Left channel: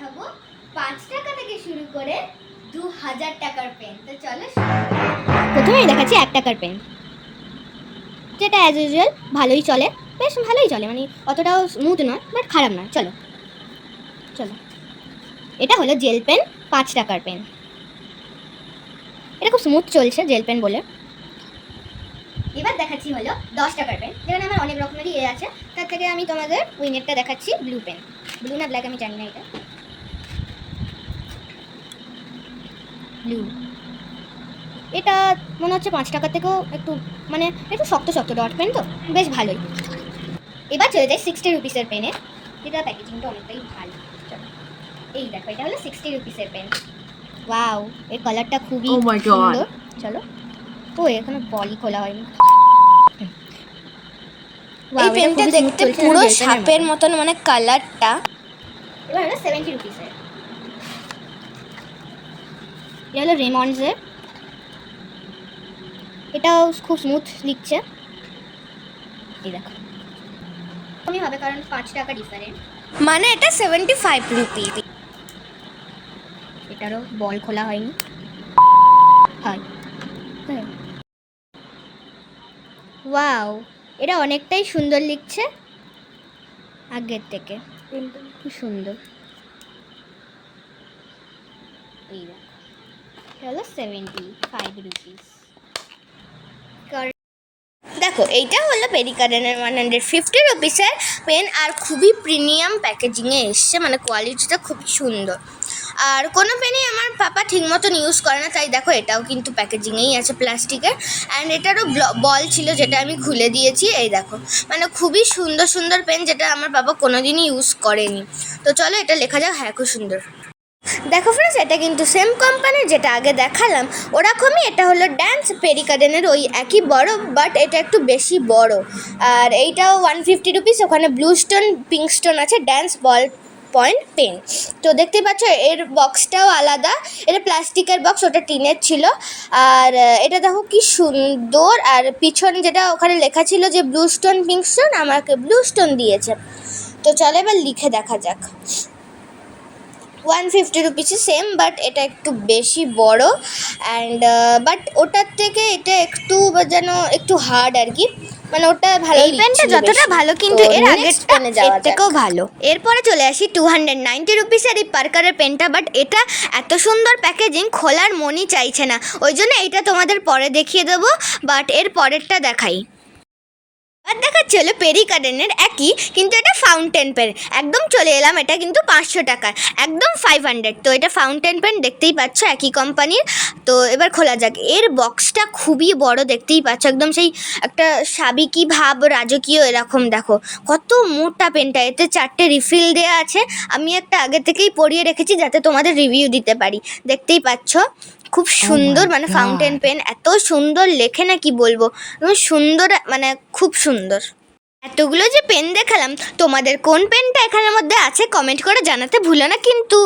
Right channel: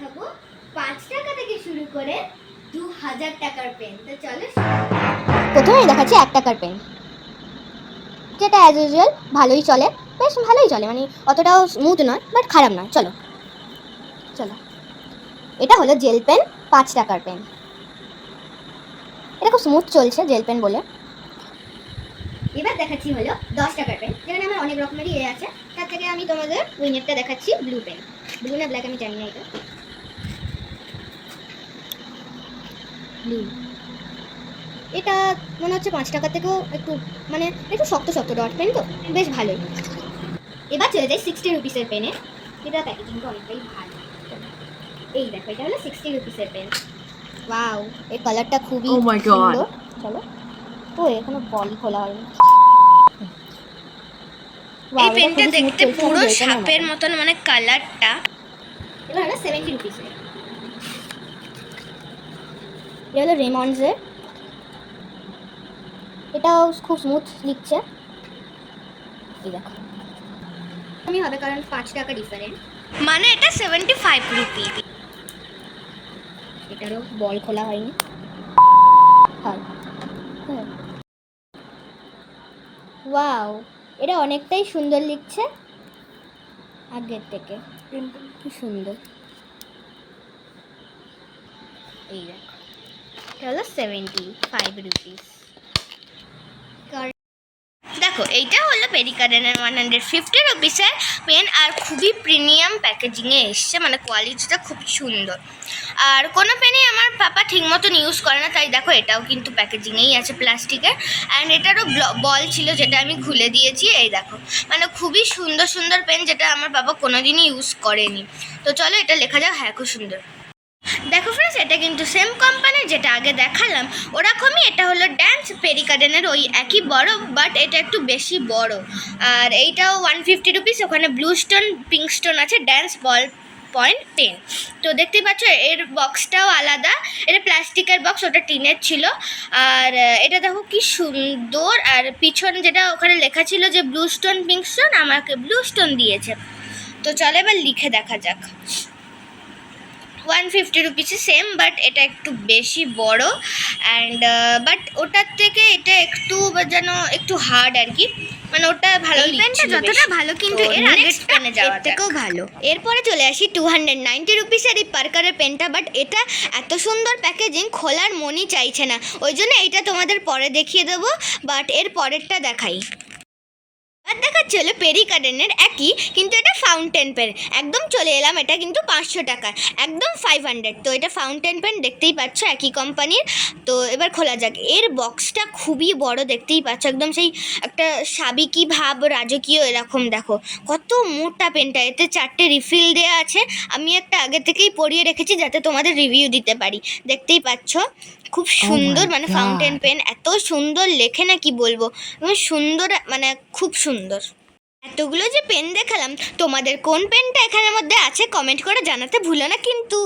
দেখাবো 5 টাকা থেকে শুরু করে 2000 টাকার পেন। তো চলো প্রথমেই দেখাচ্ছি 1 টাকার পেন, যেটা অ্যাজ ইউজুয়াল ভালোই চলে, বেশ ভালোই চলে, মানে অতটাও স্মুথ নয় বাট খারাপ নয়। চলো চলো এটা হলো জেল পেন, 5 টাকার পেন। এটা খুব স্মুথ চলছে জেল পেন বলে। এবার দেখাচ্ছি হলো 10 টাকার পেন, যেখানে আমার অনেক রকমেরই আছে। তার থেকে আমি তোমাদের উইনেরটা দেখাচ্ছি, ব্লু পেন। ব্লু না ব্ল্যাক আমি জানি না, এটা ব্লু। এটা মনে হচ্ছে 5 টাকা থেকেও একটু, মানে একটু শক্ত শক্ত ডট পেন, তো বেশ ভালোই। এবার চলে যাই 60 রুপিসের পেনে। এটা প্যাকেজিংটা অনেকটাই ভালো। এই দেখো, এটা হলো 60 রুপিসের পেন। ওয়াও, এই কালারটা খুবই সুন্দর। চলো, ও এখনো বলই খোলা হয়নি। এই পেনটা দেখতে পুরো সাপের মতন, মানে কালারটা। এবার হলো 70 রুপিসের। এটা হলো রেমন্ডসের। এটাও খুব স্মুথ লিখছে। এই দেখো, আমি হবে কারণ 5 টাকা ডিফারেন্ট, মানে এটা 75 রুপি। এটারও বল খোলা হয়নি। হয়, ওয়াও, এটা অনেকটাই সুন্দর লিখছে আগের থেকে, খুব সুন্দর। এই দেখো, এটা হলো 75 রুপিস। দেখো, এইটা হলো পেরিকাডেনের 150 রুপিসের পেন, আর খুবই প্রিমিয়াম প্যাকেজিংয়ে এসছে, মানে কোয়ালিটিটা খুব সুন্দর। আর কোনো পেনই আমার পাপা ঠিক মতন ইউজ করে না, তাই দেখো এটাও কিন্তু প্যাকেজিংয়েই আছে প্লাস্টিকের। অ্যান্ড এটারও বল ছিল, যেটা আমি খুলে দিয়েছি। এই দেখো, মানে খুবই সুন্দর সুন্দর পেন, যেটা আমার বাবা কোনোদিনই ইউজ করেনি। তো চলো এটা লেখা যাক। হ্যাঁ, খুব সুন্দর। দেখো ফ্রেন্ডস, এটা কিন্তু সেম কোম্পানির, যেটা আগে দেখালাম ওরকমই। এটা হলো ড্যান্স পেরিকাডেনের ওই একই বড়, বাট এটা একটু বেশি বড়। আর এইটাও 150 রুপিস। ওখানে ব্লু স্টোন, পিঙ্ক স্টোন আছে, ড্যান্স বল পয়েন্ট পেন। তো দেখতেই পাচ্ছ এর বক্সটাও আলাদা। এটা প্লাস্টিকের বক্স, ওটা টিনের ছিল। আর এটা দেখো কি সুন্দর। আর পিছন যেটা ওখানে লেখা ছিল যে ব্লু স্টোন, পিঙ্ক স্টোন, আমাকে ব্লু স্টোন দিয়েছে। তো চলো এবার লিখে দেখা যাক। 150 রুপিসে সেম, বাট এটা একটু বেশি বড়। অ্যান্ড বাট ওটার থেকে এটা একটু যেন একটু হার্ড আর কি, মানে ওটা ভালো। এই পেনটা যতটা ভালো, কিন্তু এর আগের পেনে যাওয়া থেকেও ভালো। এরপরে চলে আসি 290 রুপিসের এই পার্কারের পেনটা, বাট এটা এত সুন্দর প্যাকেজিং, খোলার মনই চাইছে না। ওই জন্য এটা তোমাদের পরে দেখিয়ে দেবো, বাট এর পরেরটা দেখাই। আর দেখাচ্ছি হলো পেরিকাডেনের একই, কিন্তু এটা ফাউন্টেন পেন। একদম চলে এলাম, এটা কিন্তু 500 টাকার, একদম 500। তো এটা ফাউন্টেন পেন, দেখতেই পাচ্ছ একই কোম্পানির। তো এবার খোলা যাক। এর বক্সটা খুবই বড়, দেখতেই পাচ্ছ, একদম সেই একটা সাবেকি ভাব, রাজকীয় এরকম। দেখো কত মোটা পেনটা, এতে 4টে রিফিল দেওয়া আছে। আমি একটা আগে থেকেই পরিয়ে রেখেছি যাতে তোমাদের রিভিউ দিতে পারি। দেখতেই পাচ্ছ খুব সুন্দর, মানে ফাউন্টেন পেন এত সুন্দর লেখে না, কি বলবো, সুন্দর, মানে খুব সুন্দর। এতগুলো যে পেন দেখালাম, তোমাদের কোন পেনটা এখানের মধ্যে আছে কমেন্ট করে জানাতে ভুলো না কিন্তু।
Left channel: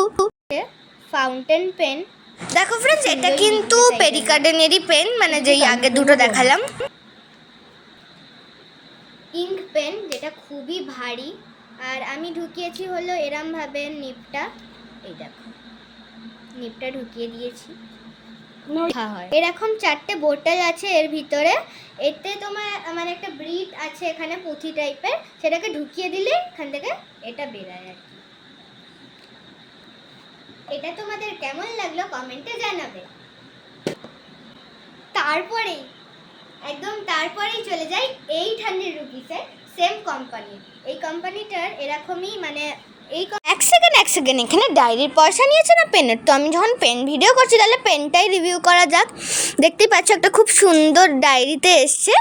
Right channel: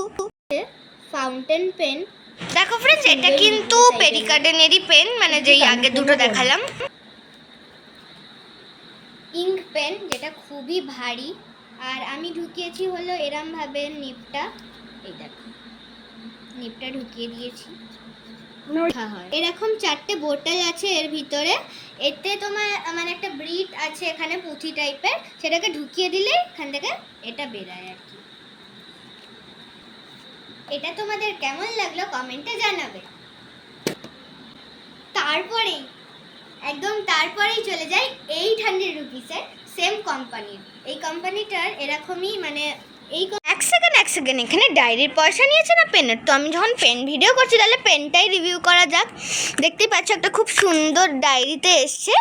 ফাউন্টেন পেন দেখো ফ্রেন্ডস, এটা কিন্তু পেরিকাডেনেরই পেন, মানে যেই আগে দুটো দেখালাম। ইঙ্ক পেন, যেটা খুবই ভারী। আর আমি ঢুকিয়েছি হলো এরম ভাবে নিপটা। এই দেখো, নিপটা ঢুকিয়ে দিয়েছি। এরকম 4টে বোতল আছে এর ভিতরে। এতে তোমার মানে একটা ব্রিট আছে এখানে, পুঁথি টাইপের, সেটাকে ঢুকিয়ে দিলে এখান থেকে এটা বেরায় আর কি। এটা তোমাদের কেমন লাগলো কমেন্টে জানাবে। তারপরেই চলে যাই 800 রুপিসের সেম কোম্পানির। এই কোম্পানিটার এরকমই, মানে এক সেকেন্ড এখানে ডায়েরির পয়সা নিয়েছে না পেনের? তো আমি যখন পেন ভিডিও করছি, তাহলে পেনটাই রিভিউ করা যাক। দেখতেই পাচ্ছ একটা খুব সুন্দর ডায়েরিতে এসছে।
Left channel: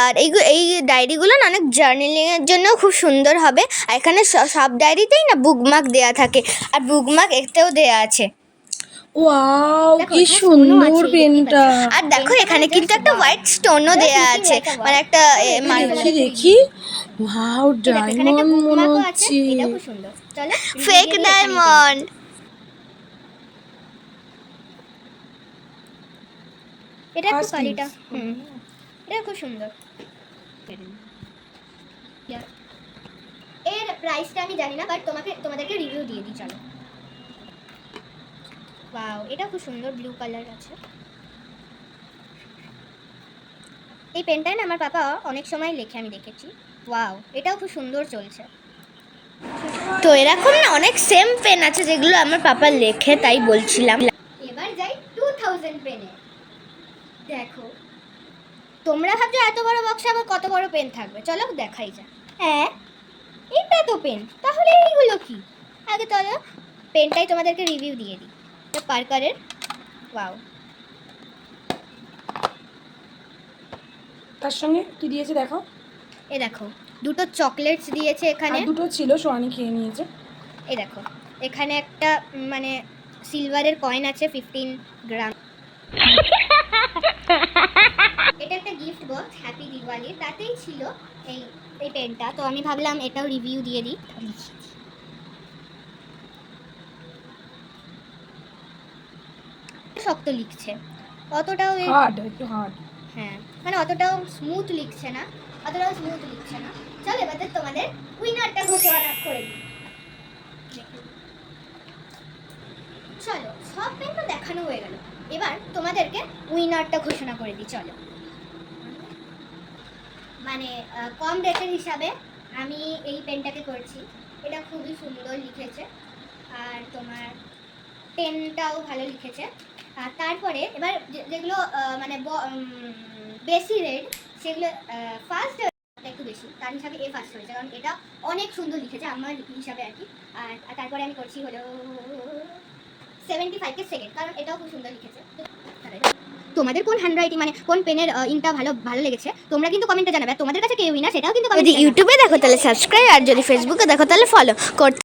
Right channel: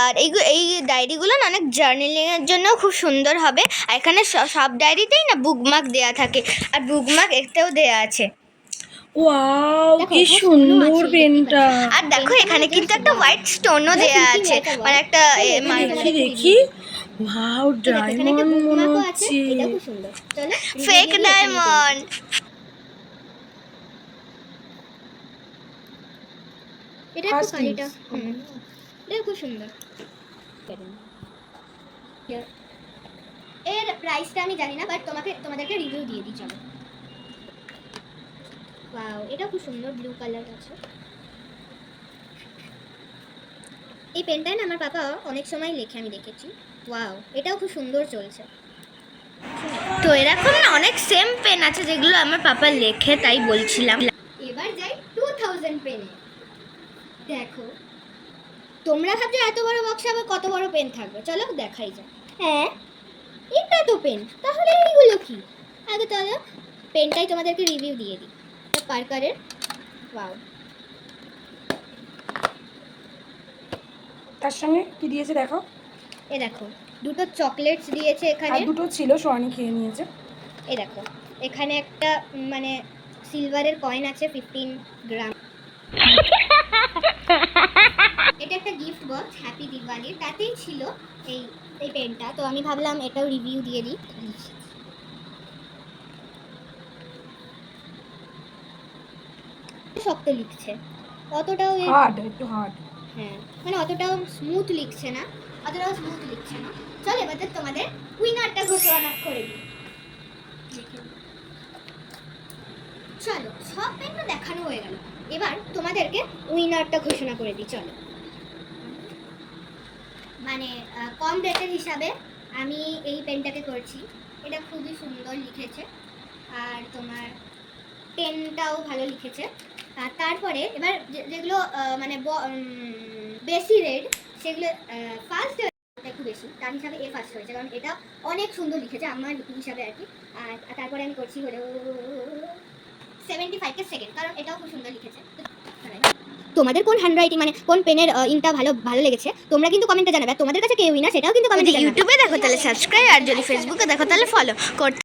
আর এই ডায়েরিগুলো না অনেক জার্নালিংয়ের জন্যও খুব সুন্দর হবে। আর এখানে সব ডায়েরিতেই না বুকমার্ক দেওয়া থাকে, আর বুকমার্ক এতেও দেওয়া আছে। ওয়াও, কি সুন্দর পেনটা। আর দেখো এখানে কিন্তু একটা হোয়াইট স্টোনও দেওয়া আছে, মানে একটা দেখি ওয়াও, ডায়মন্ড মনে হচ্ছে, ফেক ডায়মন্ড। এটা খুব সুন্দর। এর প্রাইসটা আমি জানি না, বাট তোমাদেরকে রিভিউ দিয়ে দিই। চলো, ওয়াও, এটাও খুব সুন্দর ব্লু কালার আছে। এই পেনটায় না আমার পাপা অনেক সময় লেখে, আমি দেখেছি। ওয়াও, এটাও খুব সুন্দর চলছে। তো এরকম না অনেক সেম পেন আছে যেগুলো আমার পাপা লেখে, তাই বলছিলাম। এবার যাই 2000 পেনে। দেখো, তোমরা ভাবছো এত বড় বক্সে আবার কত বড় পেন থাকবে, চলো দেখাই যায়। হ্যাঁ, এটা তো পেন, তাহলে এইগুলো কি? আগে চলো পেনটাই তোমাদেরকে রিভিউ দিয়ে দিই। পার্কারের। ওয়াও, তার সঙ্গে কি দিয়েছে দেখো। এ দেখো, দুটো চকলেটস দিয়েছে আর এখানে। দুটো ছিল, সোয়ানি খেয়ে নিয়েছে। এ দেখো, এখানে একটা মানে সিলভারের কয়েন আছে 15 গ্রাম। এটা একটা গিফট বক্স হ্যাপি দিওয়ালি, তাতেই ছিল এই এই পেনটা। তো আমি ভাবলাম এটাও রিভিউ দিয়ে দিই। শক্ত লিখছে, অতটাও হার্ড, একটু হার্ড। হ্যাঁ, মানে অতটাও স্মুথ লিখছে না, অতটাও স্মুথ লিখছে না। চল এবার তো তোমাদের উইনারটা ঘোষণা করে দিই। চলো, সব পেন তো দেখানো হয়ে গেল, এবার তোমাদেরকে উইনারটা ঘোষণা করে দিই। চলো, মানে কম রেটের হিসাবে আমি এই পেনটাকে করছি। এটা খুবই সুন্দর লিখেছে, আর তোমার পেনটাও ভালো লিখেছে। আর তারপরে এবার যেগুলো মানে বেশি রেট, সেগুলো ফার্স্ট একটু বেশি, তার হিসাবে এ ফার্স্ট হয়েছে, কারণ এটা অনেক সুন্দর লিখেছে আমার হিসাবে আর কি। আর তারপরে আমি করছি হলো 75 কে সেকেন্ড, কারণ এটাও খুব সুন্দর লিখেছে। তোমাদের কোন হ্যান্ডরাইটিং মানে কোন পেনের ইনটা ভালো লেগেছে তোমরা কিন্তু কমেন্টে জানাবে। আর তোমাদের কাছে কে উইনার সেটাও কিন্তু কমেন্টে জানাবে। ইউটিউবে দেখো তাহলে সাবস্ক্রাইব, আর যদি ফেসবুকে দেখো তাহলে ফলো করতে